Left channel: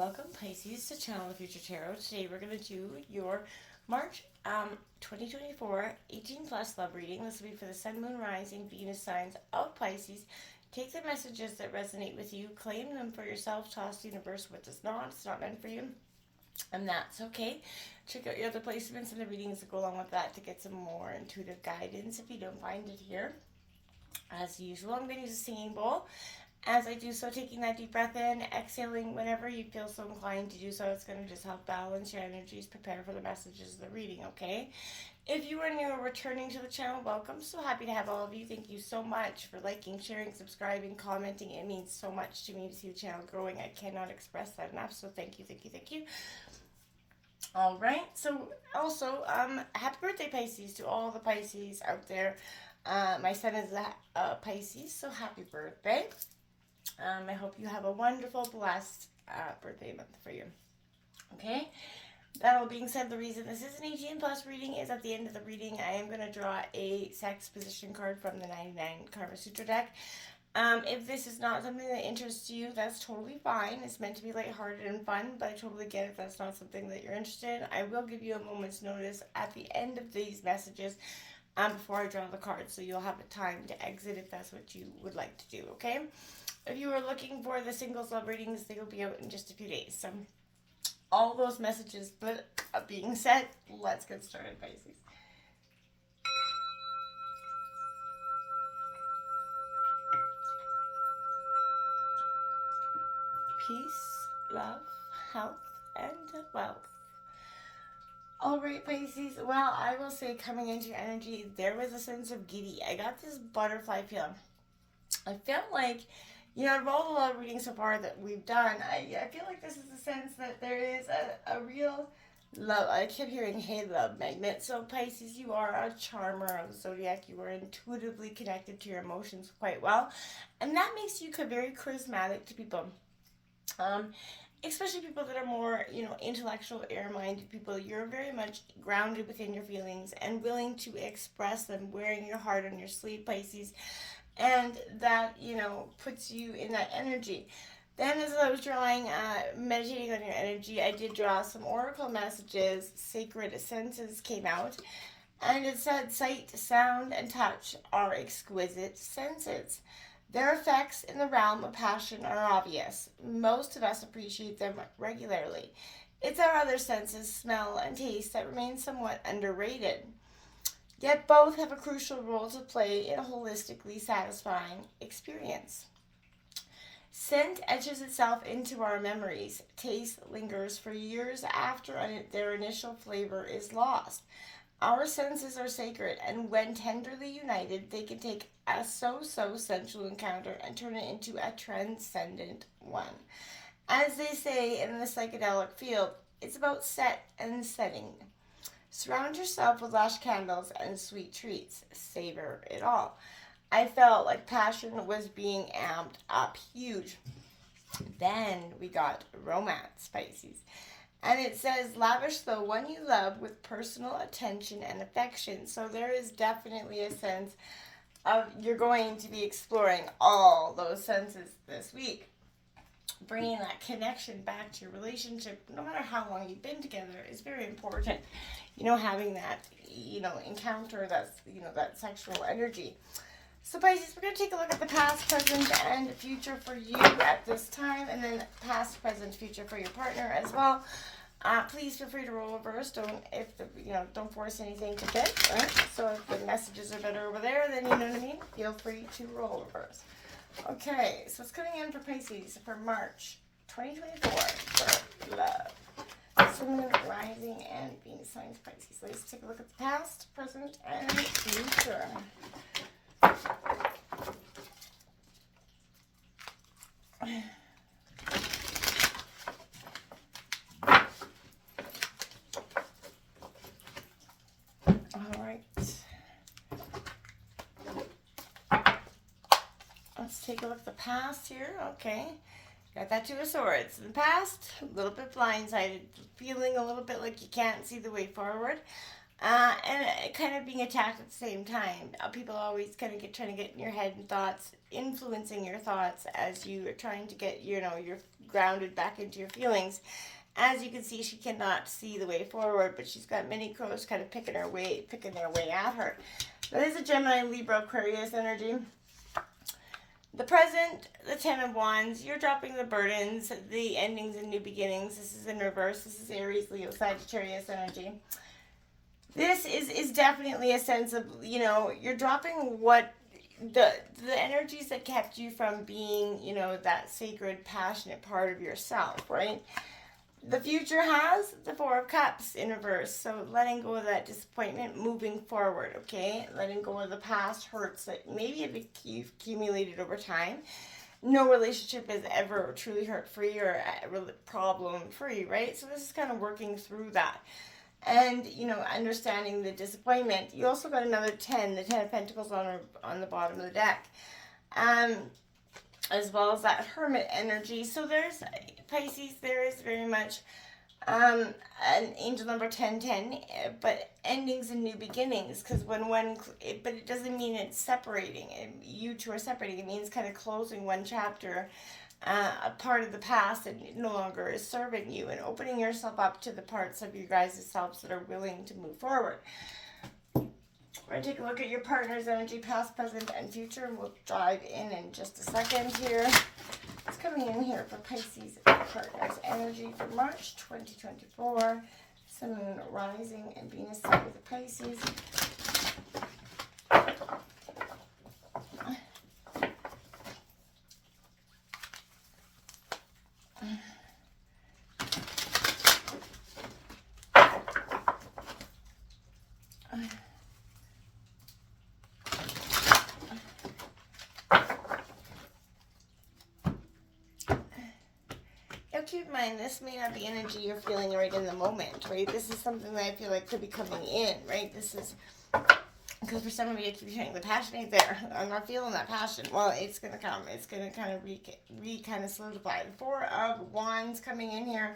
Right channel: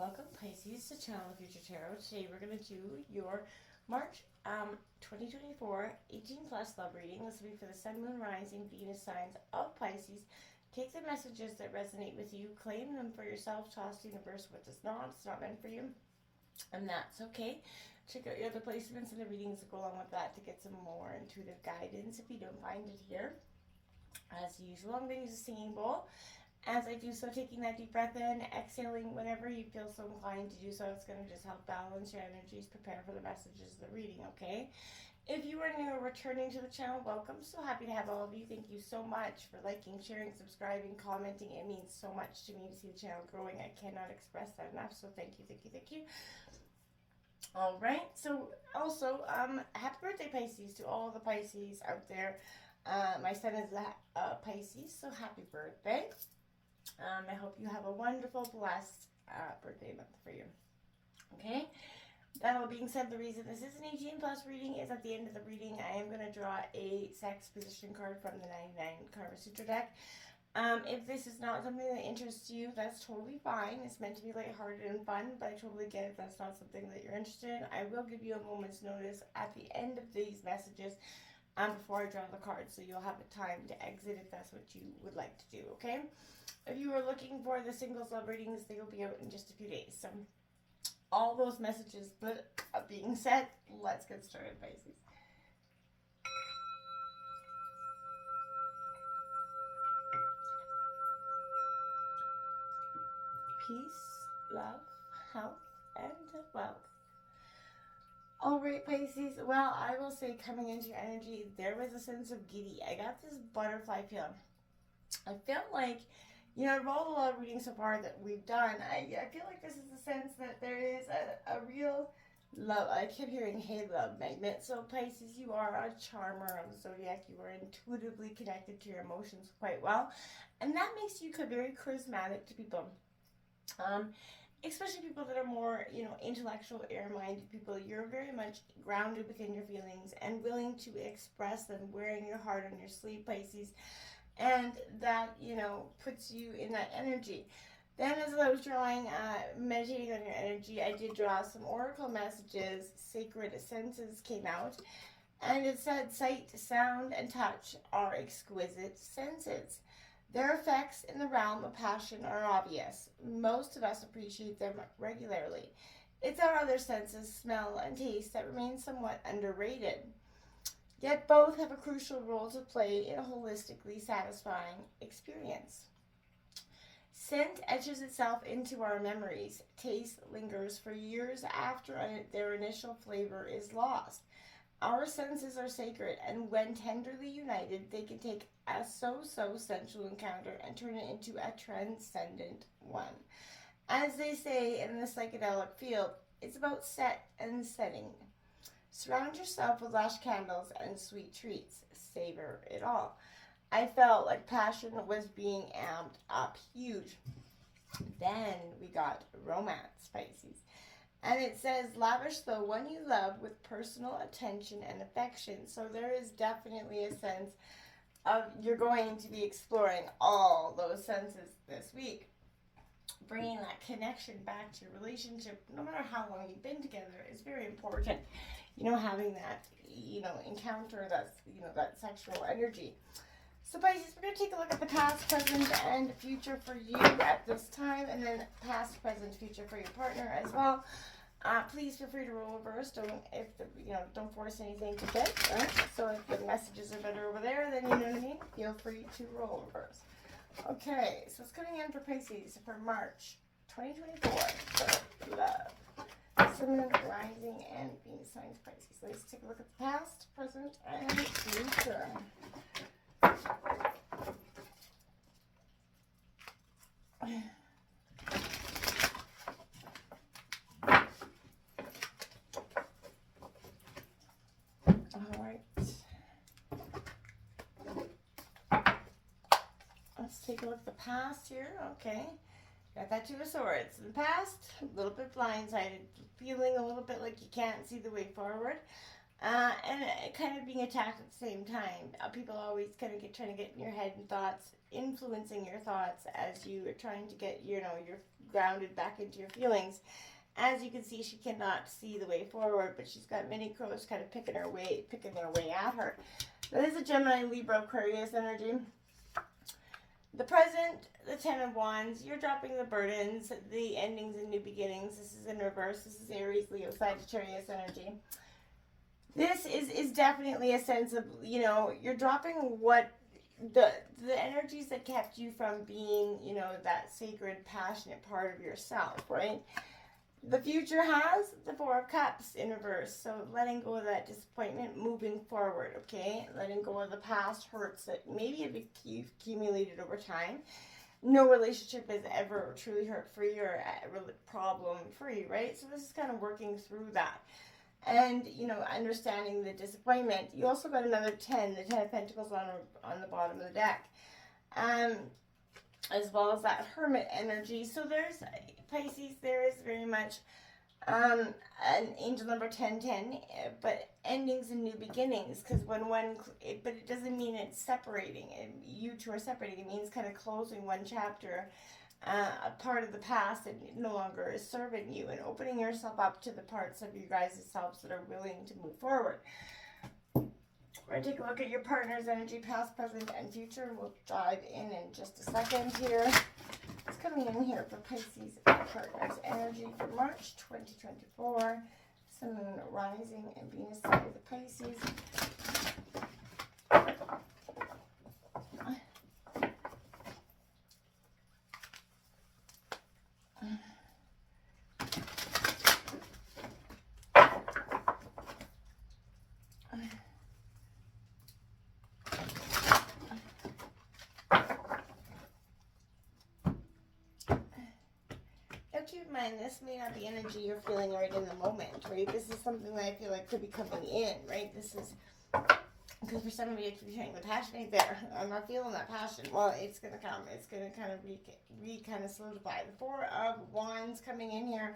Welcome Pisces to Channel the Future Tarot. Today we're going to do your March 2024 18 plus love reading. This will be for the Sun, Moon, Rising, Venus signs of Pisces. Take the messages that resonate with you, claim them for yourself, toss the universe what does not. It's not meant for you, and that's okay. Check out your other placements and the readings that go along with that to get some more intuitive guidance if you don't find it here. As usual, I'm going to use a singing bowl. As I do so, taking that deep breath in, exhaling whenever you feel so inclined to do so. It's going to just help balance your energies, prepare for the messages of the reading, okay? If you are new or returning to the channel, welcome. So happy to have all of you. Thank you so much for liking, sharing, subscribing, commenting. It means so much to me to see the channel growing. I cannot express that enough, so thank you, thank you, thank you. All right, so also, happy birthday, Pisces, to all the Pisces out there. My son is a Pisces, so happy birthday. I hope you have a wonderful, blessed birthday month for you. Okay? That all being said, the reason this is an 18 plus reading is at the end of the reading, I am going to draw a sex position card from the 99 Karma Sutra deck. If this is not something that interests you, that's totally fine. It's meant to be lighthearted and fun, but I totally get if that's not something that you're interested in. I will give you a moment's notice at the end of these messages before I draw the cards, so you'll have a time to exit if that's what you would like to do, okay? If you are looking for the singles love readings, they will be out in just a few days. So all those messages being said, let's get started, Pisces. Peace, love, health, and wealth. All right, Pisces. Well, I will say coming into your energy, there was a sense of giddy. I got this butterfly feeling. I felt like, you know, of all the love readings so far that we've done, I feel like this is a sense that there is a real love. I kept hearing, hey, love magnet. So, Pisces, you are a charmer of the zodiac. You are intuitively connected to your emotions quite well. And that makes you very charismatic to people. Especially people that are more, you know, intellectual, air-minded people. You're very much grounded within your feelings and willing to express them, wearing your heart on your sleeve, Pisces. And that, you know, puts you in that energy. Then as I was drawing, meditating on your energy, I did draw some oracle messages. Sacred senses came out. And it said, sight, sound, and touch are exquisite senses. Their effects in the realm of passion are obvious. Most of us appreciate them regularly. It's our other senses, smell and taste, that remain somewhat underrated. Yet both have a crucial role to play in a holistically satisfying experience. Scent etches itself into our memories. Taste lingers for years after their initial flavor is lost. Our senses are sacred, and when tenderly united, they can take a so-so sensual encounter and turn it into a transcendent one. As they say in the psychedelic field, it's about set and setting. Surround yourself with lush candles and sweet treats. Savor it all. I felt like passion was being amped up huge. Then we got romance, Pisces. And it says, lavish the one you love with personal attention and affection. So there is definitely a sense of you're going to be exploring all those senses this week. Bringing that connection back to your relationship, no matter how long you've been together, is very important. You know, having that, you know, encounter, that's, you know, that sexual energy. So, Pisces, we're going to take a look at the past, present, and future for you at this time, and then past, present, future for your partner as well. Please feel free to roll reverse. Don't force anything to fit. Right? So if the messages are better over there, then you know what I mean. Feel free to roll reverse. Okay, so it's coming in for Pisces for March 2024 for love. Sun, Rising, and Venus signs Pisces. Let's take a look at the past, present, and future. All right. Let's take a look at the past here. Okay. Got that Two of Swords. In the past, a little bit blindsided, feeling a little bit like you can't see the way forward. and kind of being attacked at the same time. People always kind of trying to get in your head and thoughts, influencing your thoughts as you are trying to get, you're grounded back into your feelings. As you can see, she cannot see the way forward, but she's got many crows kind of picking their way at her. That is a Gemini, Libra, Aquarius energy. The present, the Ten of Wands, you're dropping the burdens, the endings and new beginnings. This is in reverse. This is Aries, Leo, Sagittarius energy. This is definitely a sense of, you're dropping what the energies that kept you from being, that sacred, passionate part of yourself, right? The future has the Four of Cups in reverse. So letting go of that disappointment, moving forward, okay? Letting go of the past hurts that maybe have accumulated over time. No relationship is ever truly hurt-free or problem-free, right? So this is kind of working through that. And, understanding the disappointment. You also got another 10, the 10 of Pentacles on the bottom of the deck. As well as that Hermit energy. So there's, Pisces, there is very much an angel number 1010, but endings and new beginnings. Because but it doesn't mean it's separating. You two are separating. It means kind of closing one chapter, a part of the past that no longer is serving you, and opening yourself up to the parts of you guys' selves that are willing to move forward. We're going to take a look at your partner's energy, past, present, and future. We'll dive in just a second here. It's coming in here for Pisces partner's energy for March 2024. Sun, Moon, Rising, and Venus side of the Pisces. Keep in mind, this may not be energy you're feeling right in the moment, right? This is something that I feel like could be coming in, right? This is, because for some of you, it could be saying the passion ain't there. I'm not feeling that passion. Well, it's going to come. It's going to kind of kind of solidify. The Four of Wands coming in here.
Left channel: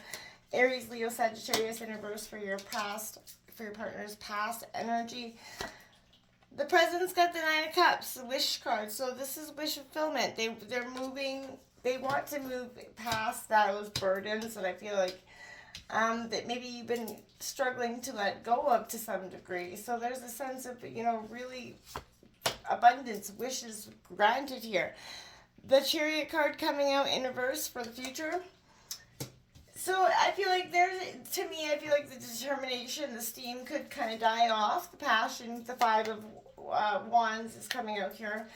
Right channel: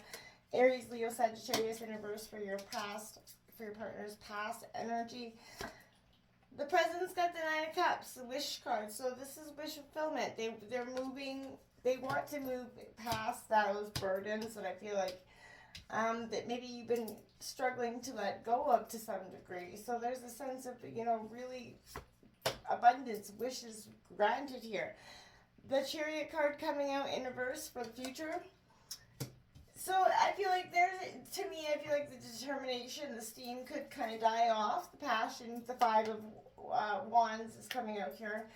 Aries, Leo, Sagittarius in reverse for your partner's past energy. The present's got the Nine of Cups, the Wish card. So this is wish fulfillment. They're moving. They want to move past those burdens that I feel like that maybe you've been struggling to let go of to some degree. So there's a sense of, really abundance, wishes granted here. The Chariot card coming out in reverse for the future. So I feel like I feel like the determination, the steam could kind of die off. The passion, the Five of Wands is coming out here.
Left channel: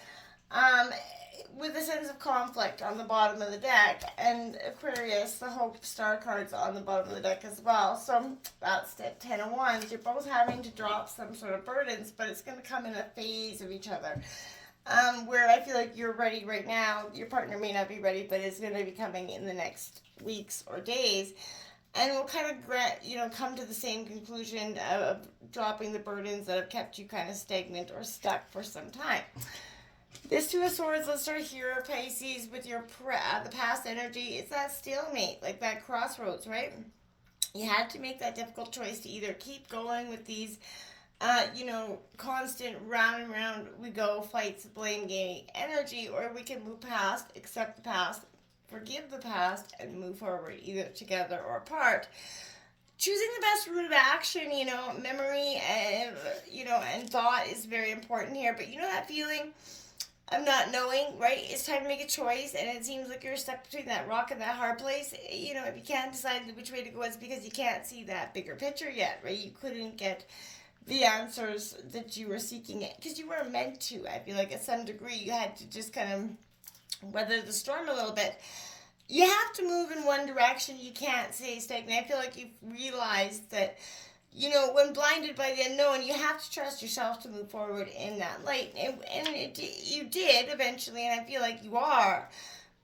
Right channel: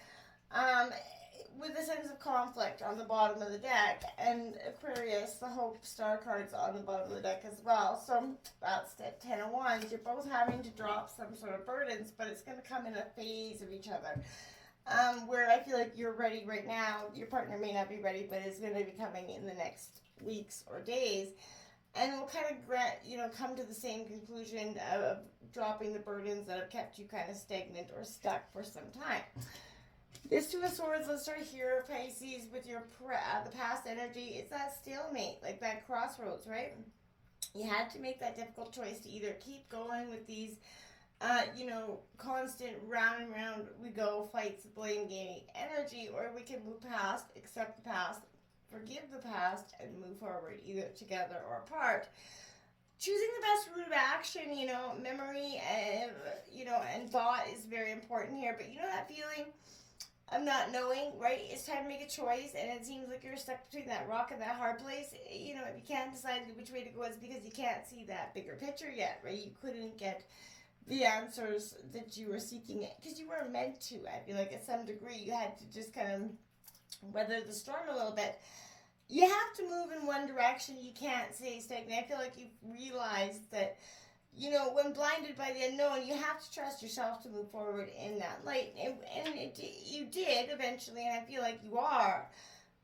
With a sense of conflict on the bottom of the deck, and Aquarius, the Hope Star cards on the bottom of the deck as well. So that's the 10 of Wands. You're both having to drop some sort of burdens, but it's going to come in a phase of each other. Where I feel like you're ready right now, your partner may not be ready, but it's going to be coming in the next weeks or days. And we'll kind of, come to the same conclusion of dropping the burdens that have kept you kind of stagnant or stuck for some time. This Two of Swords, let's start here, Pisces, with your the past energy. It's that stalemate, like that crossroads, right? You had to make that difficult choice to either keep going with these, constant round and round we go fights, blame game energy, or we can move past, accept the past, forgive the past, and move forward, either together or apart. Choosing the best route of action, memory and, and thought is very important here. But that feeling of not knowing, right? It's time to make a choice, and it seems like you're stuck between that rock and that hard place. If you can't decide which way to go, it's because you can't see that bigger picture yet, right? You couldn't get the answers that you were seeking it because you were meant to. I feel like at some degree you had to just kind of weather the storm a little bit. You have to move in one direction. You can't stay stagnant. I feel like you've realized that, when blinded by the unknown, you have to trust yourself to move forward in that light. You did eventually, and I feel like you are.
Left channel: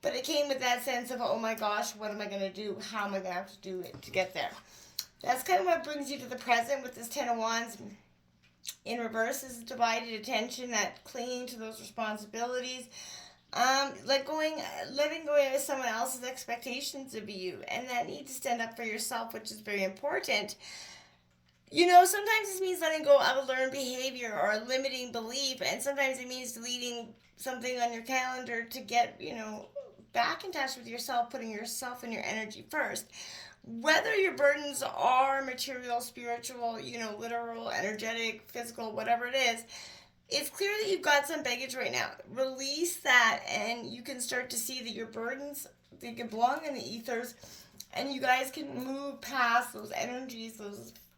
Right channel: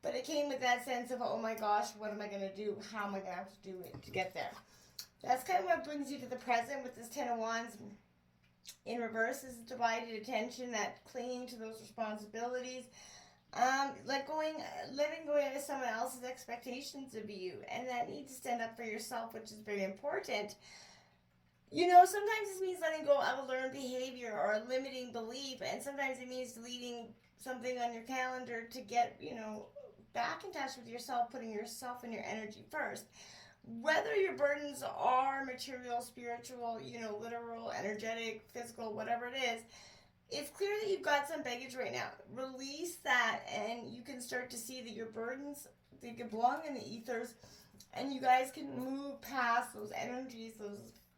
But it came with that sense of, oh my gosh, what am I going to do? How am I going to have to do it to get there? That's kind of what brings you to the present with this Ten of Wands. In reverse is divided attention, that clinging to those responsibilities. Letting go of someone else's expectations of you, and that need to stand up for yourself, which is very important. Sometimes this means letting go of a learned behavior or a limiting belief, and sometimes it means deleting something on your calendar to get, back in touch with yourself, putting yourself and your energy first. Whether your burdens are material, spiritual, literal, energetic, physical, whatever it is, it's clear that you've got some baggage right now. Release that, and you can start to see that your burdens, they can belong in the ethers, and you guys can move past those energies,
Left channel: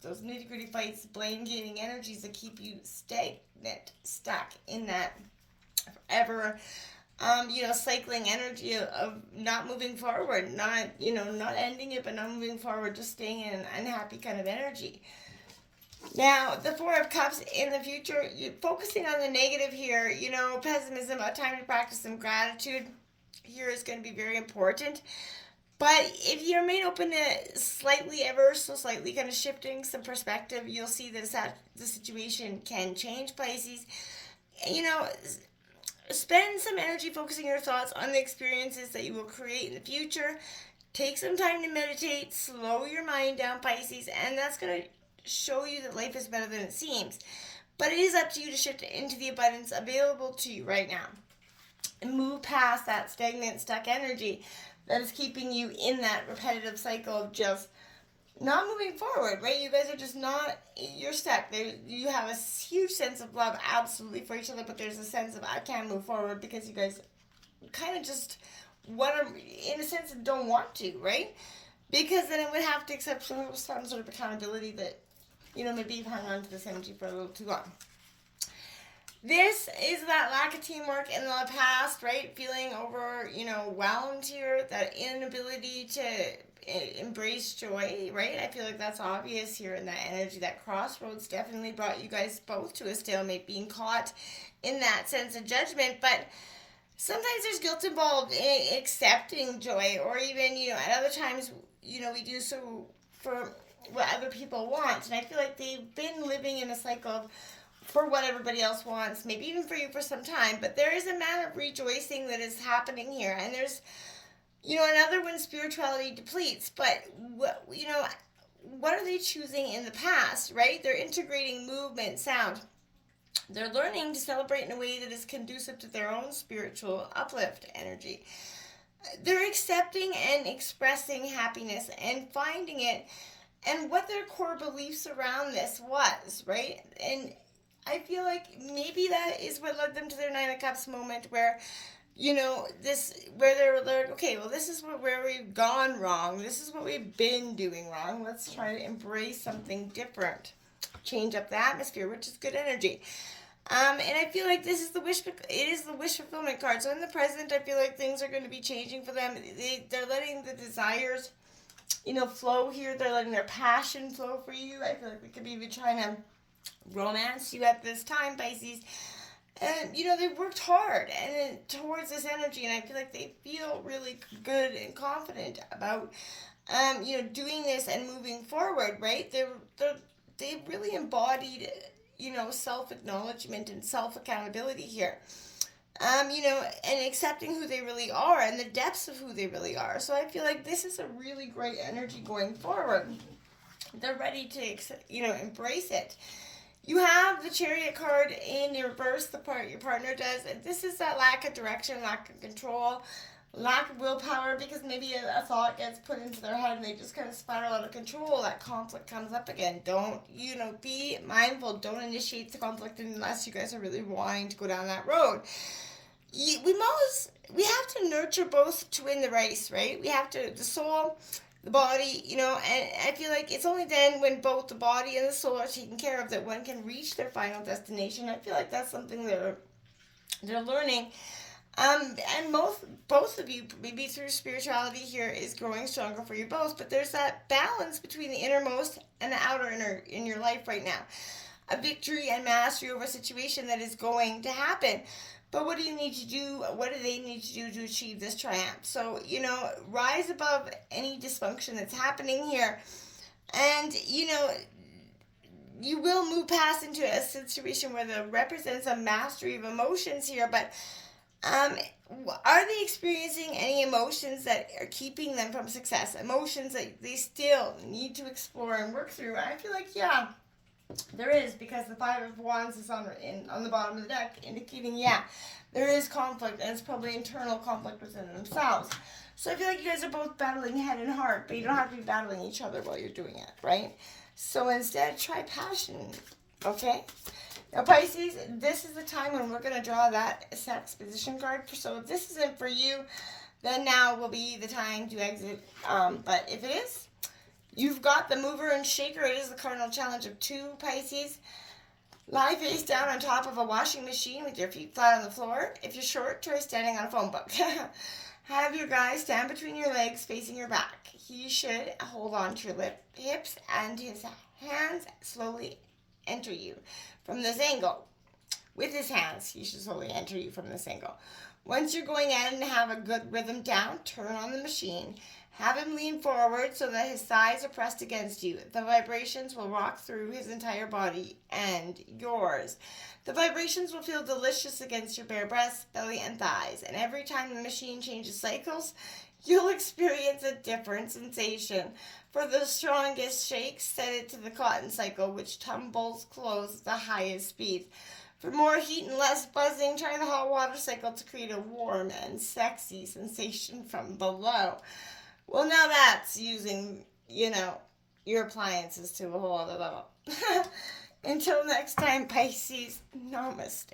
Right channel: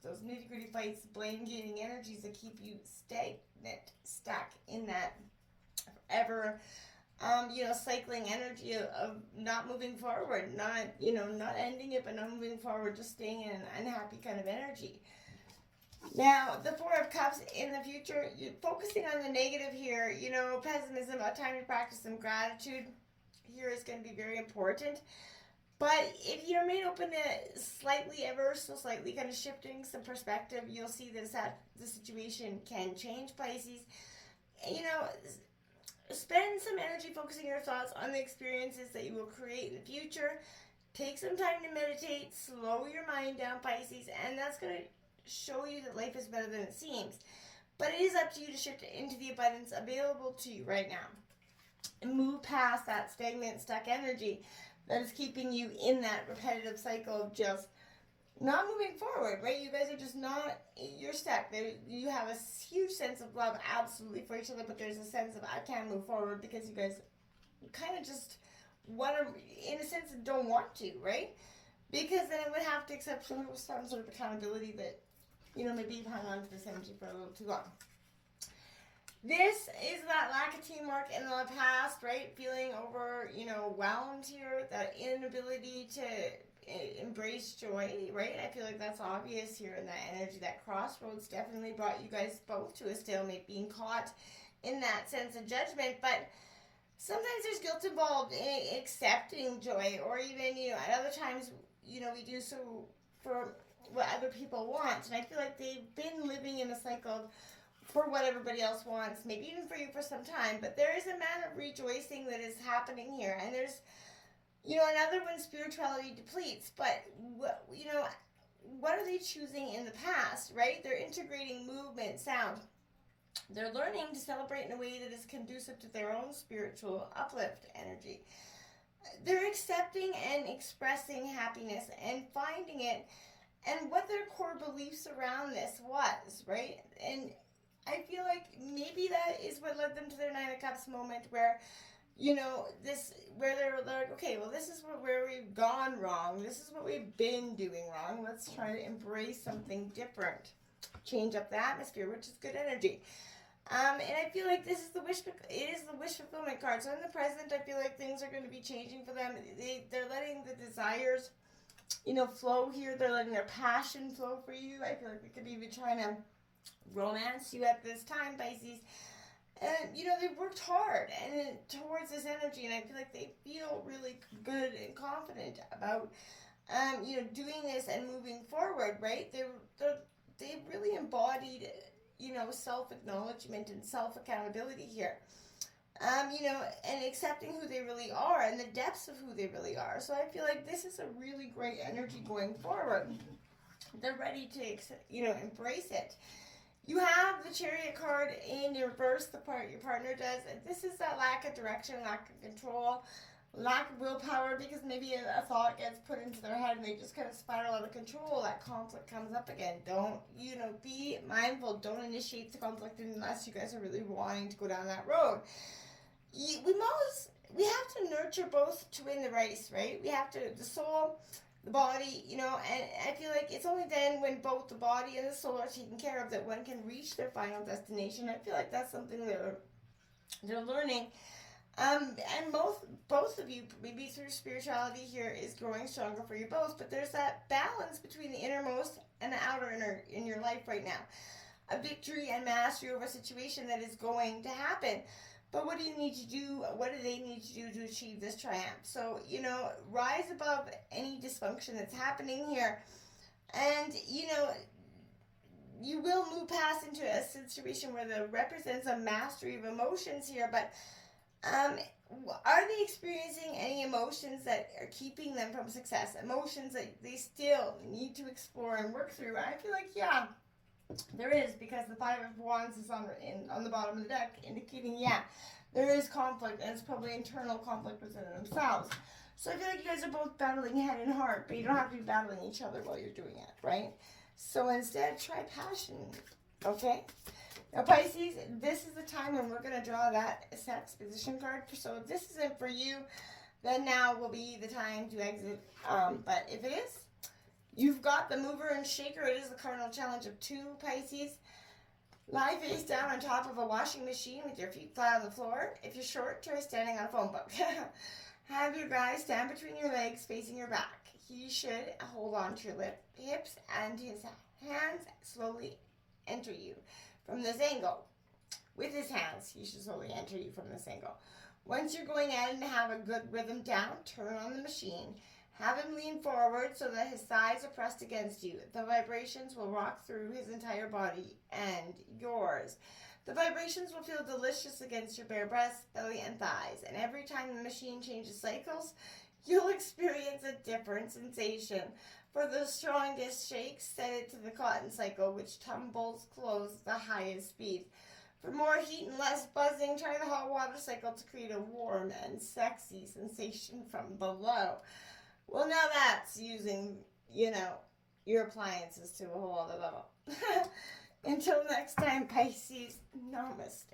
those nitty gritty fights, blame gaming energies that keep you stagnant, stuck in that forever, cycling energy of not moving forward, not ending it, but not moving forward, just staying in an unhappy kind of energy. Now, the Four of Cups in the future, you're focusing on the negative here, pessimism, a time to practice some gratitude here is going to be very important. But if you're made open to slightly, ever so slightly, kind of shifting some perspective, you'll see that the situation can change, Pisces. You know, spend some energy focusing your thoughts on the experiences that you will create in the future. Take some time to meditate, slow your mind down, Pisces, and that's going to show you that life is better than it seems. But it is up to you to shift into the abundance available to you right now and move past that stagnant, stuck energy that is keeping you in that repetitive cycle of just not moving forward, right? You guys are just not, you're stuck. You have a huge sense of love, absolutely, for each other, but there's a sense of, I can't move forward because you guys kind of just want to, in a sense, don't want to, right? Because then it would have to accept some sort of accountability that, maybe you've hung on to this energy for a little too long. This is that lack of teamwork in the past, right? Feeling overwhelmed here, that inability to embrace joy, right? I feel like that's obvious here in that energy. That crossroads definitely brought you guys both to a stalemate, being caught in that sense of judgment. But sometimes there's guilt involved in accepting joy, or even, at other times, we do so for what other people want. And I feel like they've been living in a cycle of for what everybody else wants, maybe even for you for some time, but there is a matter of rejoicing that is happening here. And there's, another when spirituality depletes, but, what are they choosing in the past, right? They're integrating movement, sound. They're learning to celebrate in a way that is conducive to their own spiritual uplift energy. They're accepting and expressing happiness and finding it and what their core beliefs around this was, right? And I feel like maybe that is what led them to their Nine of Cups moment where, where they're like, okay, well, this is where we've gone wrong. This is what we've been doing wrong. Let's try to embrace something different. Change up the atmosphere, which is good energy. And I feel like this is it is the wish fulfillment card. So in the present, I feel like things are going to be changing for them. They're letting the desires, flow here. They're letting their passion flow for you. I feel like we could be even trying to romance you at this time, Pisces. And, they've worked hard and towards this energy, and I feel like they feel really good and confident about, doing this and moving forward, right? They've really embodied, self-acknowledgement and self-accountability here. And accepting who they really are and the depths of who they really are. So I feel like this is a really great energy going forward. They're ready to, embrace it. You have the Chariot card in reverse, the part your partner does. And this is that lack of direction, lack of control, lack of willpower, because maybe a thought gets put into their head and they just kind of spiral out of control. That conflict comes up again. Don't, be mindful. Don't initiate the conflict unless you guys are really wanting to go down that road. We have to nurture both to win the race, right? We have to, the soul, the body, and I feel like it's only then when both the body and the soul are taken care of that one can reach their final destination. I feel like that's something they're learning. And both of you, maybe through spirituality here, is growing stronger for you both. But there's that balance between the innermost and the outer inner in your life right now. A victory and mastery over a situation that is going to happen. But what do you need to do? What do they need to do to achieve this triumph? So, rise above any dysfunction that's happening here. And, you will move past into a situation where there represents a mastery of emotions here. But Um, are they experiencing any emotions that are keeping them from success? Emotions that they still need to explore and work through? I feel like, yeah, there is, because the Five of Wands is on the bottom of the deck, indicating, yeah, there is conflict, and it's probably internal conflict within themselves. So I feel like you guys are both battling head and heart, but you don't have to be battling each other while you're doing it, right? So instead, try passion, okay? Now, Pisces, this is the time when we're going to draw that sex position card. So if this isn't for you, then now will be the time to exit. But if it is, you've got the mover and shaker. It is the cardinal challenge of 2, Pisces. Lie face down on top of a washing machine with your feet flat on the floor. If you're short, try standing on a phone book. Have your guy stand between your legs facing your back. He should hold on to your hips, and his hands slowly enter you from this angle. With his hands, he should slowly enter you from this angle. Once you're going in and have a good rhythm down, turn on the machine. Have him lean forward so that his thighs are pressed against you. The vibrations will rock through his entire body and yours. The vibrations will feel delicious against your bare breasts, belly, and thighs. And every time the machine changes cycles, you'll experience a different sensation. For the strongest shakes, set it to the cotton cycle, which tumbles close at the highest speed. For more heat and less buzzing, try the hot water cycle to create a warm and sexy sensation from below. Well, now that's using, your appliances to a whole other level. Until next time, Pisces, namaste.